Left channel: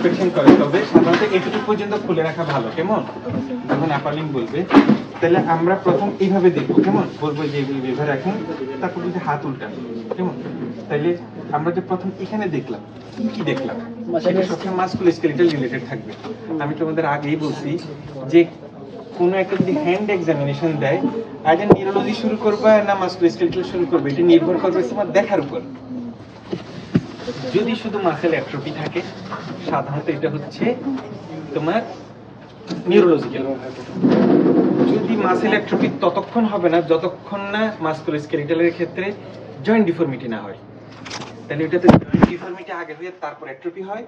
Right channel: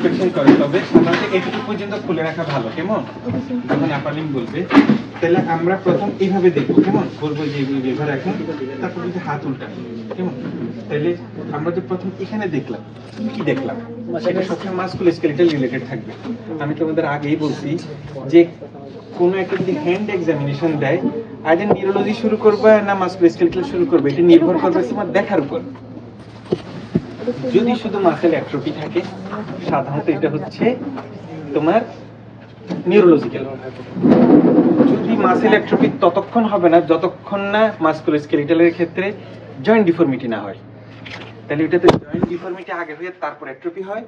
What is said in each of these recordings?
Inspection করে, তবে সাধারণত এটুকু পর্যন্ত খুলে রাখা ভালো, কেমন? যখন আপার লিম্ব বলবে তাহলে আমরা প্রথম এইভাবে দেখবো, কেমন? বলবো যে এভাবে রাখুন, তারপর যদি হাত উল্টান, কেমন? তাইলে আমরা যে প্রথম এখানে দেখলাম, কি দেখলাম সেটা সবসময় মাস্কুলোস্কেলেটাল রিলেটেড থাকবে। আমি তোমাদের আগেই বলছি যে কোনো একটা যদি হ্যান্ড এক্সামিনেশন দেয়, আইডেন নিউরোলজি শুরু করবে না মাস্কুলোস্কেলেটাল শুরু করবে, এটা নির্ভর করবে তোমার দেখার উপর। যদি শুধু মাসেল অ্যাট্রোফি থাকে, সাধারণত এটা হচ্ছে তোমার নিউরোলজিক্যাল। যদি মাসেল অ্যাট্রোফি ততক্ষণ হবে না যতক্ষণ না মাস্কুলোস্কেলেটালের ক্ষেত্রে জয়েন্ট ডিফর্মিটি না হয়। তাহলে এটাতে জয়েন্ট ডিফর্মিটি আগে হয়ে তারপর অ্যাট্রোফি হয়,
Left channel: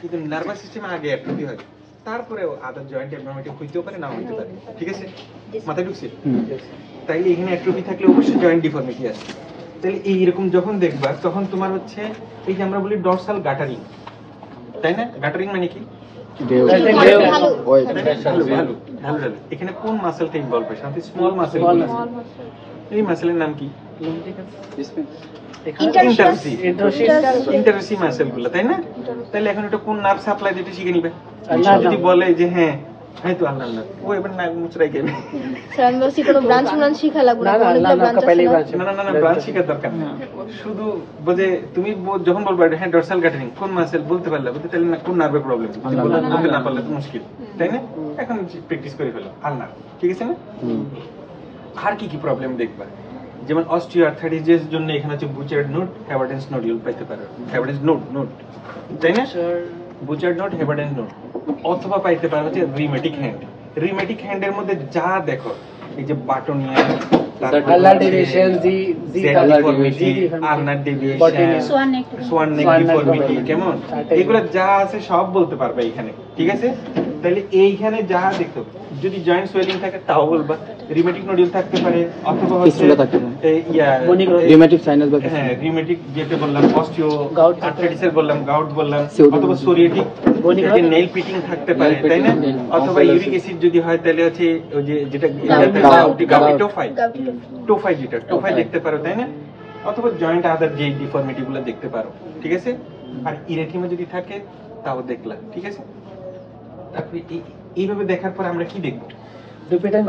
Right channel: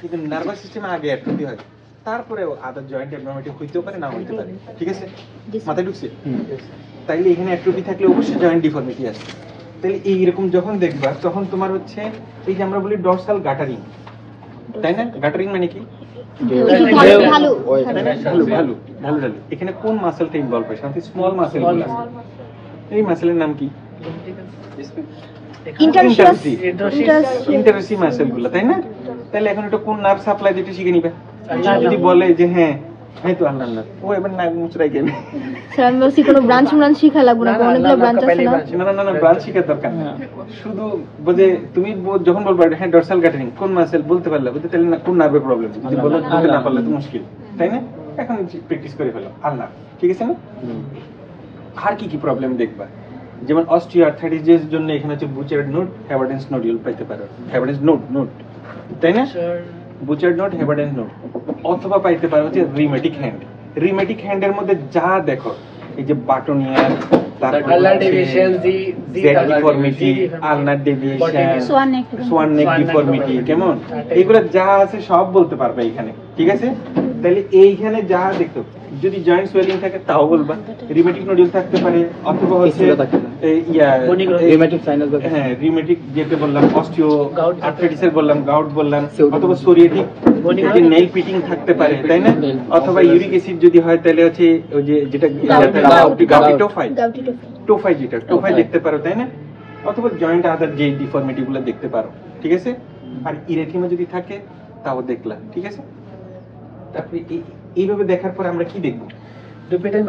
কিন্তু নার্ভাস সিস্টেমে আগে অ্যাট্রোফি হয়, তারপরে আদার জয়েন্ট ডিফর্মিটি হইতেও পারে, না হইতে পারে। ঠিক আছে, মাথায় ঢুকছে? তাইলে এখানে অ্যাট্রোফি থাকলে অবশ্যই জয়েন্ট ডিফর্মিটি আসছে। তাহলে এইরকম যখন দেখবা তখন তোমার হচ্ছে এই যে আমরা বলি ডরসাল গাটারিং, তাই না? গাটারিং মানে কি? এখানে কোন মাসেলটা ইনভলভ হয়? সাধারণত স্মল মাসেল গুলো। এই মাসেলের নাম কি? ইন্টারসি মাসেল গুলো, তাই না? তাহলে এখন এটা কোন নার্ভ সাপ্লাই যেটা শিখে নিবে। যদি বলে যে হ্যাঁ এই তো আল্লাহ আল্লাহ, ও এবার নাক মুচড়াই গেল, ব্রাঞ্চ শিখা লাগবে না, না ব্রাঞ্চ শিখার দরকার না। শুধু বুঝে তুমি যখন বলবা হ্যাঁ ডরসাল গাটারিং কোন মাসেল বলতে পারলে, বুঝতে তাহলে না কোন নার্ভের প্রবলেম, যদি বলতে না পারলে তো মুশকিল, তাই না? এখন প্র্যাকটিস করে ফেলো আল্লাহ, ঠিক আছে না? আর কি কি প্রবলেম দেখবা? যেমন অস্টিওআর্থ্রাইটিসের জন্য এখানে হচ্ছে বুচার্ড নোড, হ্যাভার্ডেন্স নোডিউল পাইতে পারো, হ্যাভার্ডেন্স নোড, তাই না? বুচার্ড নোড, হ্যাভার্ডেন্স নোড, অথবা পাইতে পারো হচ্ছে রিমেটিক হ্যান্ড। রিমেটিক হ্যান্ডের মধ্যে যা দেখো, এই যে বাটনিয়া, তারপর জেড ডিফর্মিটি, আলনার ডেভিয়েশন, সোয়ান নেক ডিফর্মিটি, কেমন? এগুলো যা আছে সব বলতে পারবে এখানে, ঠিক আছে? তাহলে এইখানে যা দেখো, যদি জয়েন্ট সোয়েলিং থাকে তাও বলবা, রিমেটিক নোডিউল থাকতে পারে, অথবা হচ্ছে রিমেটিক যেটা বললাম অস্টিও আর্থ্রাইটিসের বললাম, গাউট বললাম, অথবা সোরিয়াটিক নেল পিটিং থাকতে পারে, তাই না? অথবা ইউরিক অ্যাসিড যদি হয় তাহলে হচ্ছে ওই যে যেটা টোফাই যেটা টোফাই দেখতে পারো, তাই না? অথবা জয়েন্ট আদার যে ডিফর্মিটি গুলো দেখতে পারো, ঠিক আছে? আর ইরেথিমা যদি থাকে তাও দেখলা, ঠিক আছে? তারপরে এইভাবে দেখার পর আমরা কি দেখবো? ডুপিটেন্ট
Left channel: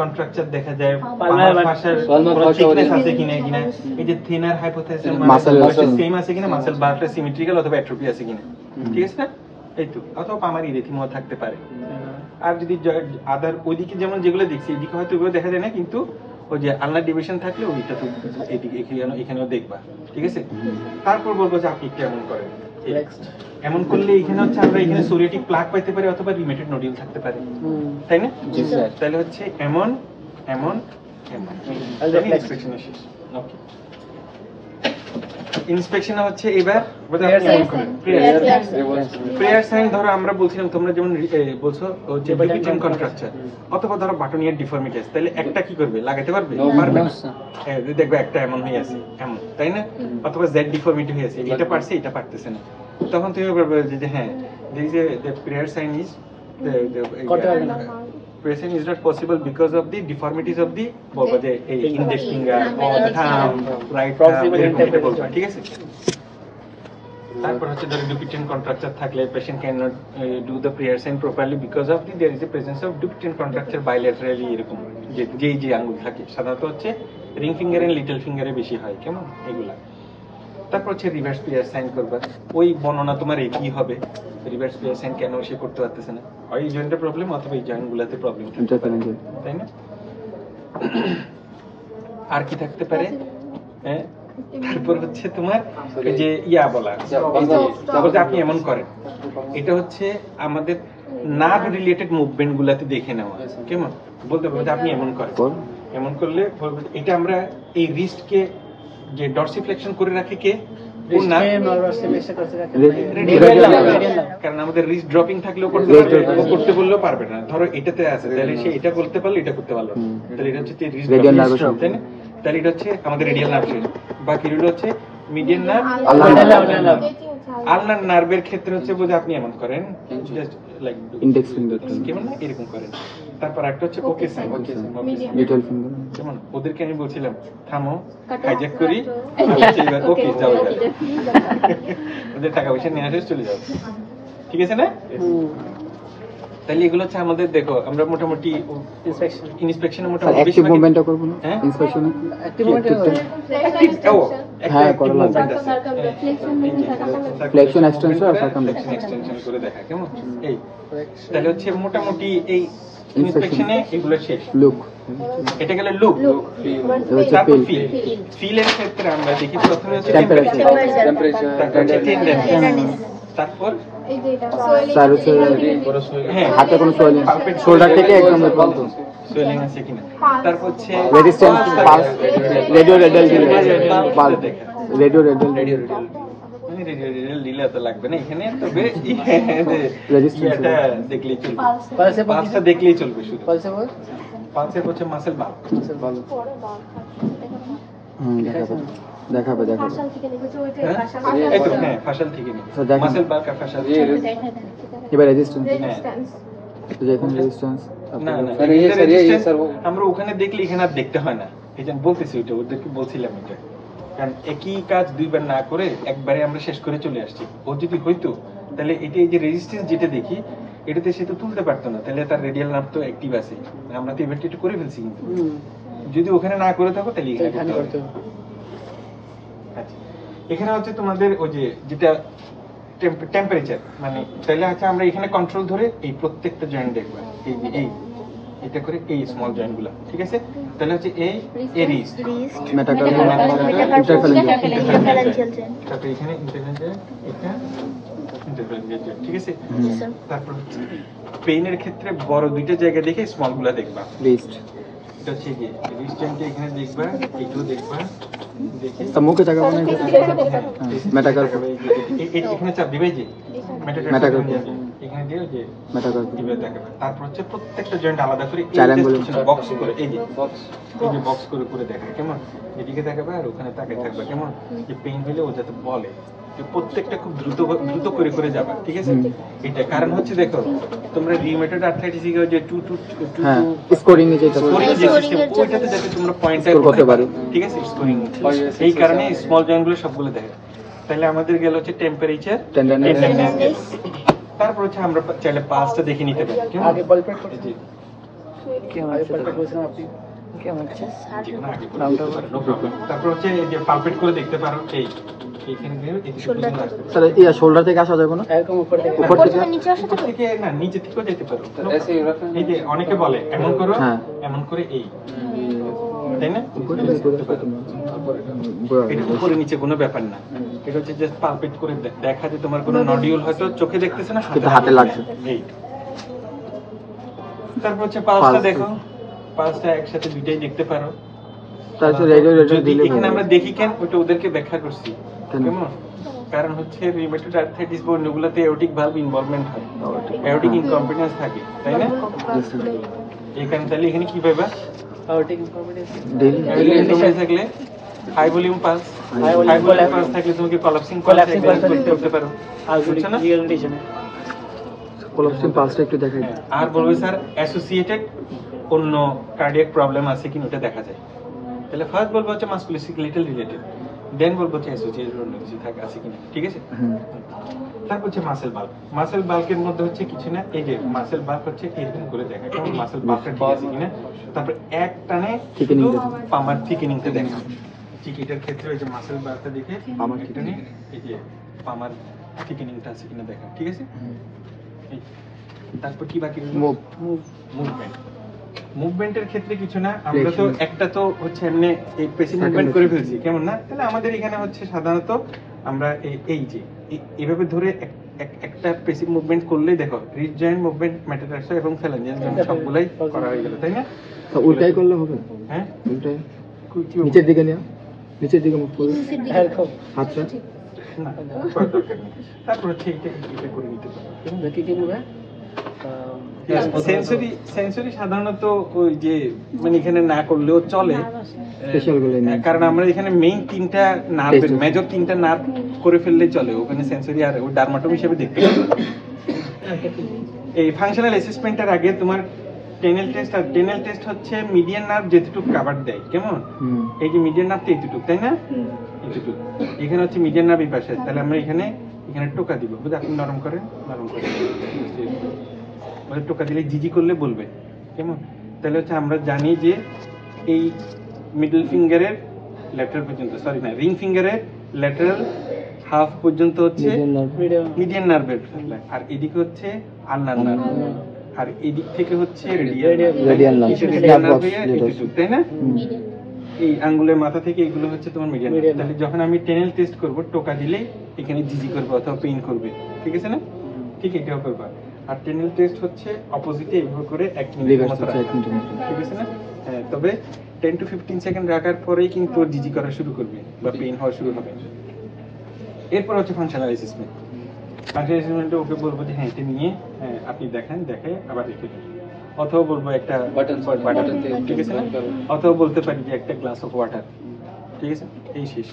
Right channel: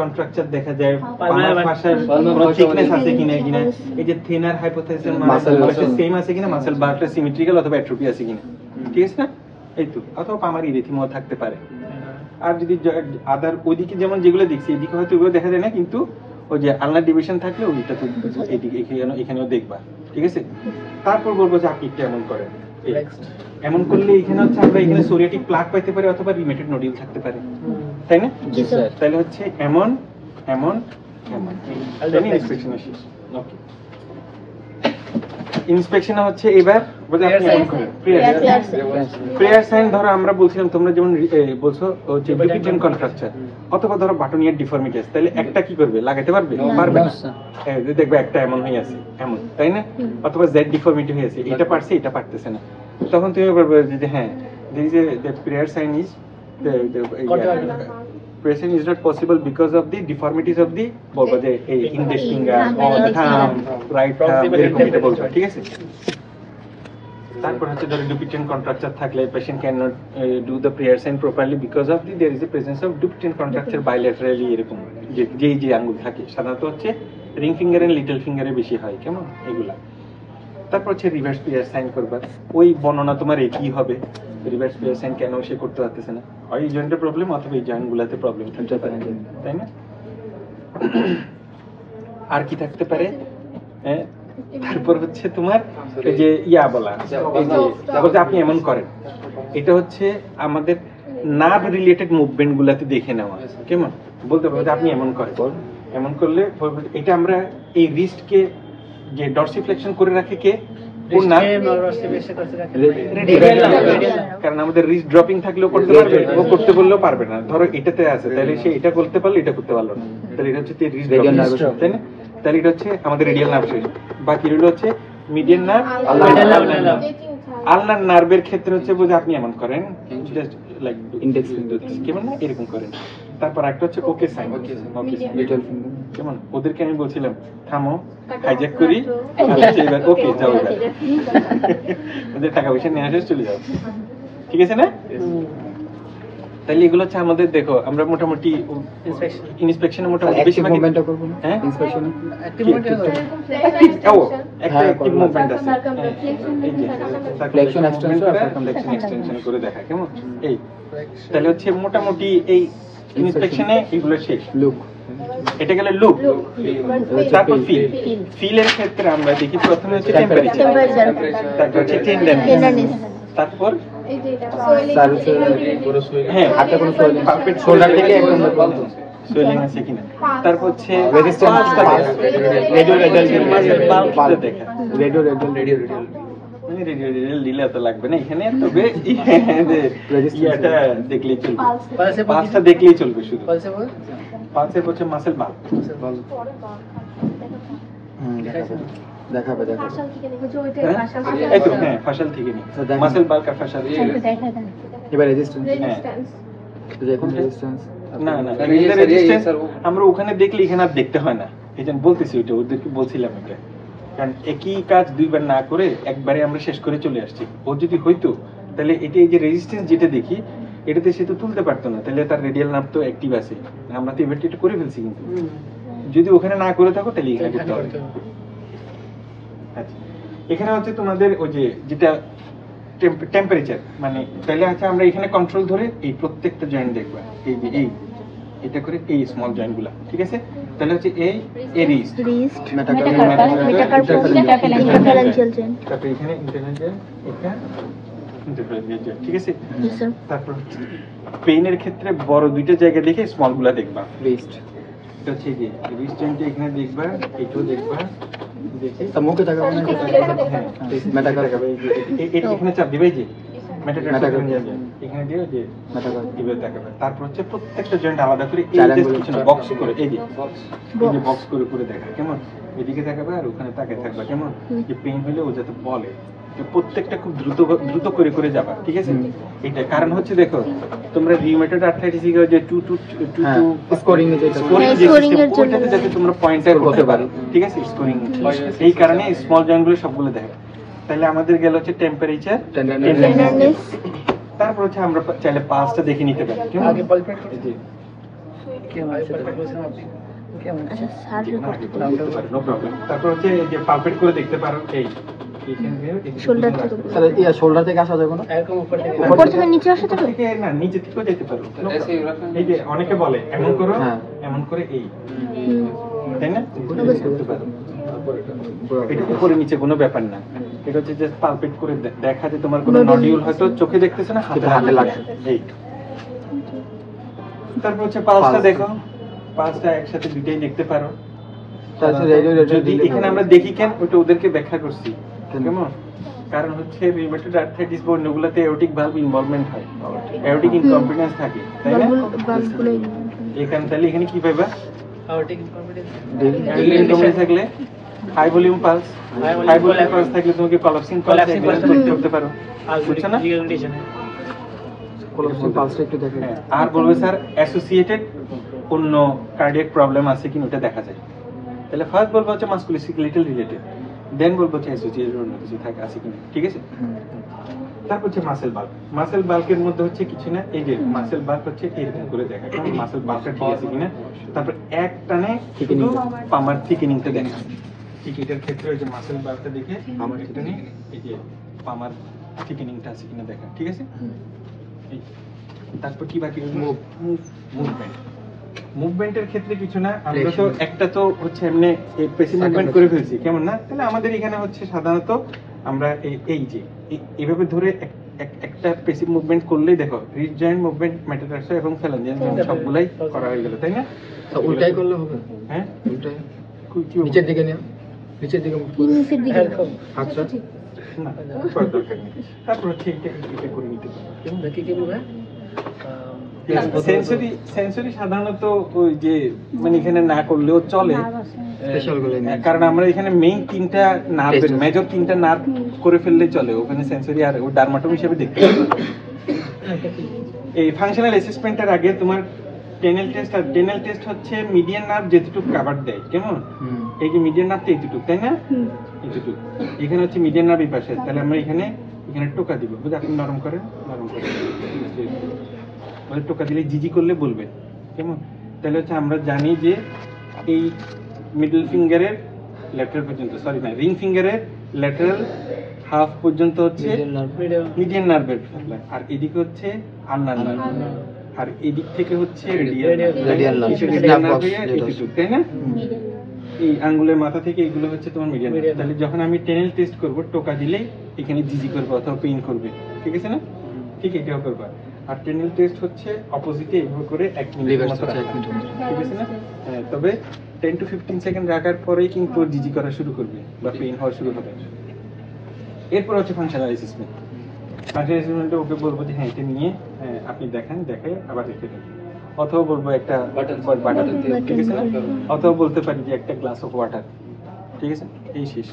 কন্ট্রাকচার দেখা যায়, পামার ফাসার কোনো থিকনেস আছে কিনা, এই যে থিনার হাইপোথিসিস মাসেল সেম আছে কিনা, মাসেল বারটা সিমেট্রিক্যাল অথবা অ্যাট্রোফি আছে কিনা, ঠিক আছে না? এই তো, অথবা পামার ইরেথিমা থাকতে পারে। আর যদি আদার ওইদিকে যেমন যেগুলো দেখছি এদিকে হয়তো ওগুলো দেখা যায় না, কিন্তু ওই যে আলনার ডিভিশন থাকলে ওইটা তো এদিকে এখানেও দেখবা, ঠিক আছে? তারপর বলবো যে আপনি কেমন করেন, এমন করলে এখানে হচ্ছে আমরা এখানে সোরিয়াটিক প্লাক পাইতে পারি, অথবা রিমেটেড নোডিউল থাকতে পারে, তাই না? জি স্যার। তাহলে হচ্ছে এমন এমন এমন, তাই ইন্সপেকশন শেষ। ওকে, ইন্সপেকশন হচ্ছে এবার বলে আপনি এমন করেন প্রেয়ার সাইন। ধরো আমরা বলছিলাম তোমরা যেমন বলছো যে ডুপিটেন্ট কন্ট্রাকচার, অথবা ধরো বাটনিয়ার ডিফর্মিটি আছে, তাহলে একটা কি করবে? লাগাতে পারবে? পারবে না। দেখবে একটা এমন হয়ে আছে, এমন, তাই না? অথবা জেড ডিফর্মিটি হয়ে আছে, এটা পারছে এটা পারতেছে না, তখন তুমি বলবে যে হ্যাঁ the prayer sign is prayer sign is not possible because of the deformities of the বলবা যে এই index finger or the thumb, right thumb, এরকম এটা বলবা, ঠিক আছে? তারপর হচ্ছে ধরো ডুপিটেন্ট কন্ট্রাকচার থাকলে patient cannot do the prayer sign properly because of the there is a presence of dupitent contracture bilaterally, এরকম যে আঙ্গুল থাকে সাধারণত হচ্ছে রিং ফিঙ্গার এন্ড লিটল ফিঙ্গারে বেশি হয়, কেমন? এগুলা। তারপর হচ্ছে রিভার্স প্রেয়ার সাইন করবা, ওই বর্ণনা তোমার একই হবে। রিভার্স প্রেয়ার সাইন কেন সে করতে পারতেছে না? হয় এই জয়েন্টের প্রবলেম, অথবা এই জয়েন্ট গুলাতে প্রবলেম থাকতে পারে, তাই না? আর কি থাকতে পারে? তারপর হচ্ছে তোমার এই যে বলা, এই যে আপনি এমন করেন, এটা হচ্ছে আমাদের নার্ভ রিলেটেড মুভমেন্ট গুলাতে দেখে নেওয়া, কেমন? বলতে পারবে যে আপনি এমন করেন, এমন করলে এটা আমরা এই রিস্টকে যে ডরসিফ্লেকশন করে রাখে কে? কারণ আমাদের রিস্ট ড্রপিং থাকলেও করতে পারবে, ও করতে বললেও পারবে না। ধরো এটাতে আছে, তাহলে সে এটা করতে পারলো, এটা করতে পারলো না, তাহলে এটা হচ্ছে রিস্ট ড্রপিং, তাই না? তাহলে এটা হচ্ছে আমাদের রেডিয়াল নার্ভ। বাকি রইল হচ্ছে মিডিয়ান নার্ভ, আলনার নার্ভের ক্ষেত্রে হচ্ছে বুঝে আপনি এমন করেন, জাস্ট লাইক ইন্ডেক্স ফিঙ্গার কেমন না এরকম করেন, তারপর একটা হচ্ছে ওকে সাইন। ডিটেল ফিঙ্গার যেমন ওদেরকে আমি বলছিলাম থামো, হাইজ্যাক করি, আর হচ্ছে এবার ওকে যাও এবার। ওদের টাকা পয়সা নিয়ে আসে চলে যাও, ঠিক আছে না? তাহলে এগুলো হচ্ছে আমাদের, দেখো আমরা মোটামুটি ইন্সপেকশনে মোটামুটি অ্যাক্টিভ বেশিরভাগ মুভমেন্টটা করব না হ্যাঁ ইন্সপেকশনে অ্যাক্টিভ ও একটা হ্যাঁ, অ্যাক্টিভ করলাম। মুভমেন্ট আছে, Flexion extension আর ফ্লেকশন এক্সটেনশন করে দেখা কেমন এই। তাহলে হচ্ছে মোটামুটি এই ইন্সপেকশনে এগুলো শেষ। লুক এটা গেলে লুক, হচ্ছে তারপর feel। ফিল। ফিলের ক্ষেত্রে আমরা দেখি প্রথমে হচ্ছে টেম্পারেচার, তারপর হচ্ছে টেন্ডেন্স, তারপর স্যার হচ্ছে হ্যাঁ হাতে কোনো সোয়েলিং পালপেট শোল্ডার থেকে একদম সোয়েলিং আছে কিনা, তারপর হচ্ছে রেজিস্ট্যান্স pulse টা দেখা। রেডিও রেডিয়াল মাসের pulse টা দেখা। রেডিও রেডিয়াল আমি রেডিও দিলে তো লাগবে না এখানে, তবে ইয়াটা দেখলেই চলবে, পালসটা দেখলেই চলবে শুধু। পালসের হচ্ছে মাসেল বাল্ব, দেখাবে হ্যাঁ এই তো হ্যাঁ ফাশাল থেকে নি তো দেখেন। মাসেল বাল্ব আর ফাশাল। এবার রেজিস্ট্যান্স হ্যাঁ এখন রেজিস্ট্যান্স না না রেজিস্ট্যান্স আমরা ওখানে দেখলে এখানে আর দেখতে হয় না, এই যে বলতেছি ওইটা ওদেরকে বলছিলাম এটা, কারণ একই কাজ দুইবার না করে একবারে আমরা শেষ করে চলে আসছি। ও যদি হইতো তাহলে এটা এই যে রেজিস্ট্যান্স যেটা দেখি এটাতে সে তো তুলতে পারতো না, তাহলে তার রেডিয়াল নার্ভ তো অ্যাক্টিভ আছে, আমরা তো এবার এটা করে ফেলছি, কিন্তু যদি ওখানে না করে থাকো তাহলে এখানে করতে হবে। আচ্ছা এখানে হচ্ছে তোমাদের ওই যে যেটা টেম্পারেচার, মানে তাহলে হচ্ছে আমরা এখানে কন্ট্রোল ধরে এই প্রত্যেকটা জয়েন্ট দেখবা, এই যে এই এটা করে এই স্মল জয়েন্ট গুলা, ঠিক আছে? তাহলে হচ্ছে এই রিস্ট, তারপরে এখানে ইন্টারভেনশন, এটা ইন্টারভেনশন, ঠিক আছে? তারপর হচ্ছে পেইনের ক্ষেত্রে বড় দুইটা জায়গা দেখে স্মল গুলা দেখবা। রিস্ট এটা হচ্ছে যে রিস্ট জয়েন্টটা এখানে দেখবা, এইটাও দেখবা, দেখে তো মুখে থাকা এখানে চাপ দিবে, এই যে Metacarpal। এখানে দিয়ে যে Metacarpal। এভাবে দেখাবে। তারপর হচ্ছে প্রত্যেকটা জয়েন্ট আলাদা করে এই Triangle। জাস্ট কিছু না বক্স করে, এই যে বক্স করে করে দেখায় কেমন, এদিকে দেখাবে আর ওখানে তাকায় থাকবে কেমন, যে পেইন হলে ও যাতে বলে যে প্রত্যেকটা খুব দ্রুত দ্রুত করে করে যাবা, ঠিক আছে? এটা কারণ হচ্ছে দেখো তোমরা রিউমেটয়েড আর্থ্রাইটিস এর যে স্কোরিং এ যেটা স্কোরিং যে সিস্টেম ওইটাতে যাতে তোমরা পয়েন্টার করতে পারো, ঠিক আছে? স্কোরিং এই কারণে স্মল জয়েন্ট গুলো সবগুলো দেখা। তাহলে আমাদের গেল হচ্ছে টেম্পারেচার, টেন্ডেন্স, তারপর হচ্ছে আমরা চাইলে পালসটা দেখে নিতে পারি কেমন, এই যে যেকোনো আগে করে বলতে পারি, no problem। তারপর হচ্ছে এই যে পালপেট করে দেখতে পারো, এই এইখানে দিয়ে এই যে বুঝতে আসতে পারে। স্যার এই শোল্ডার থেকে আসা যাবে না উপর থেকে না নিচে থেকেও যেতে পারো, no problem। এই যে অনেকে বলে এমন করো, হ্যাঁ। এমন করে এই, তাই না? করতে পারো। এটা উপরে নিচে কোনো ব্যাপার না, এটা হচ্ছে জাস্ট পালপেট করে দেখা যে তোমার কোনো নডিউল হয়তো চোখে দেখতেছে না, হাতে লাগছে এই। তারপর হচ্ছে পালসটা দেখো, পালসটা একসাথে দুইটাই দেখতে পারো। যদি এখানে আমরা দেখি কেন ওটা ওদেরকে ব্যাখ্যা করছি কেমন, কারণ হচ্ছে রিউমেটয়েড আর্থ্রাইটিস বা অন্যগুলোতে এওটিক ভালভ ইনভলভমেন্ট হয়, এওটিক ইনকম্পিটেন্স থাকে, তাই না? এখানে তাহলে এখানে কি পাইবা, এওটিক ইনকম্পিটেন্স থাকলে high volume pulse, high volume pulse থাকলে তুমি কি কলাপসিং পালস করতে পারো, বুঝছো না? পালসটা একটু দেখাই হ্যাঁ, আর বলবে স্যার অ্যাসোসিয়েটেড অন্য কার্ডিয়াক প্রবলেম আছে কিনা ওটা দেখা যায়। তাহলে ফার্স্ট বলবো হচ্ছে মাসকুলোস্কেলেটাল রিলেটেড, দেন বলবো হচ্ছে অ্যাসোসিয়েটেড অন্য কিছু থাকে আছে কিনা, ঠিক আছে? তারপর হচ্ছে মাসেল বাল্ব, মাসেল বাল্বের মধ্যে হচ্ছে কিছু না, এই যে মাসেল বাল্ব হচ্ছে এরকম করে দেখা কেমন মাসেল বাল্বটা ঠিক আছে কিনা, তারপর এক টানে শুধু পামার থিকেনিংটা দেখা, ঠিক এটার ক্ষেত্রে ওই যে মাসেল বাল্বটা দেখে পামার টানে এই যে পামার থিকেনিংটা আছে কিনা দেখা, ঠিক আছে? তারপর কি বাকি মুভমেন্ট, মুভমেন্টের ক্ষেত্রে কিছু না, আমরা তো একটা তো হচ্ছে এমনি পেসিভ মুভমেন্ট করে ফেলছি কেমন না, তাহলে আমাদের এখানে হচ্ছে সাধারণত আমরা এই যে এইভাবে ধরে একটা পেসিভ মুভমেন্ট করলেই দেখো রিস্ট জয়েন্ট মুভমেন্ট, মেটাটার্সাল এবং ফ্যালাঞ্জিয়াল জয়েন্ট সবগুলাই করা হয়ে গেল, তাই না? তো উল্টাই করলে হবে, হ্যাঁ উল্টাই কি নিচের দিকে নিও, নিচের দিকে মুখ করে আচ্ছা না করার দরকার নেই। তারপর হচ্ছে এটা করে নিতে পারো সেন্সরি সাধারণত ওই যে মানে এখানে না করলেও চলে, কারণ আমরা এখানে মেইন তিনটা নার্ভের মেজর তিনটা নার্ভ করে ফেললে চলে, ওখানে সেন্সরি আর ডার্মাটোম হিসেবে দেখতে পাবো। এই ফাংশনাল অ্যাসেসমেন্টের আগে তোমার টেনেল টেস্ট, আর টেনেল টেস্ট হচ্ছে মিডিয়ান নার্ভ যেটুকু কভার দেয়, কেমন? এই যে মিডিয়ান নার্ভ তো এইটুকু, তাই না? এইটুকু। এখানে হচ্ছে মিডিয়ান নার্ভ এই পাশে, তাহলে আমরা এখানে টোকা দিব, বুঝে আপনি নরম করেন, নরম করেন, মানে টোকা দিলে জিজি করলে বলবে, কেমন? তাহলে হচ্ছে আমরা জানি যে এই মিডল ফিঙ্গারের ল্যাটারাল পর্যন্ত, সরি না, রিং ফিঙ্গারের ল্যাটারাল হাফ পর্যন্ত হচ্ছে মিডিয়ান নার্ভের সাপ্লাই, আর এদিকে হচ্ছে আলনার নার্ভ, আর এদিক থেকে হচ্ছে রেডিয়াল নার্ভ, তাই না? এই আঙ্গুলের মাথা থেকে এগুলো হচ্ছে তোমার মিডিয়ান নার্ভ। তাহলে যখন আমি টেনেল টেস্ট করব, টোকা দিলেই এখানে জিজি করবে অথবা পেইন করবে, ঠিক আছে না? ঠিক এটাও করবা। আর টেনেল টেস্ট হচ্ছে অপোজিটে এইভাবে করে 1 মিনিট মতো রাখা, ঠিক আছে না? হ্যাঁ, তবে 10 to 15 সেকেন্ড রাখার পরেই কিন্তু জিজি করা শুরু করবে বা পেইন হওয়া শুরু হবে। এরপর হচ্ছে ফাংশনাল অ্যাসেসমেন্ট। ফাংশনাল অ্যাসেসমেন্টে ওকে বলবো যে হ্যাঁ এটা নিয়ে আপনি দেখেন, দেখে আবার রেখে দেন, অথবা বলবো একটা বাটার, ঠিক আছে না? অথবা বলতে পারি যে একটা গ্লাস অফ ওয়াটার, ঠিক আছে? এই শেষ।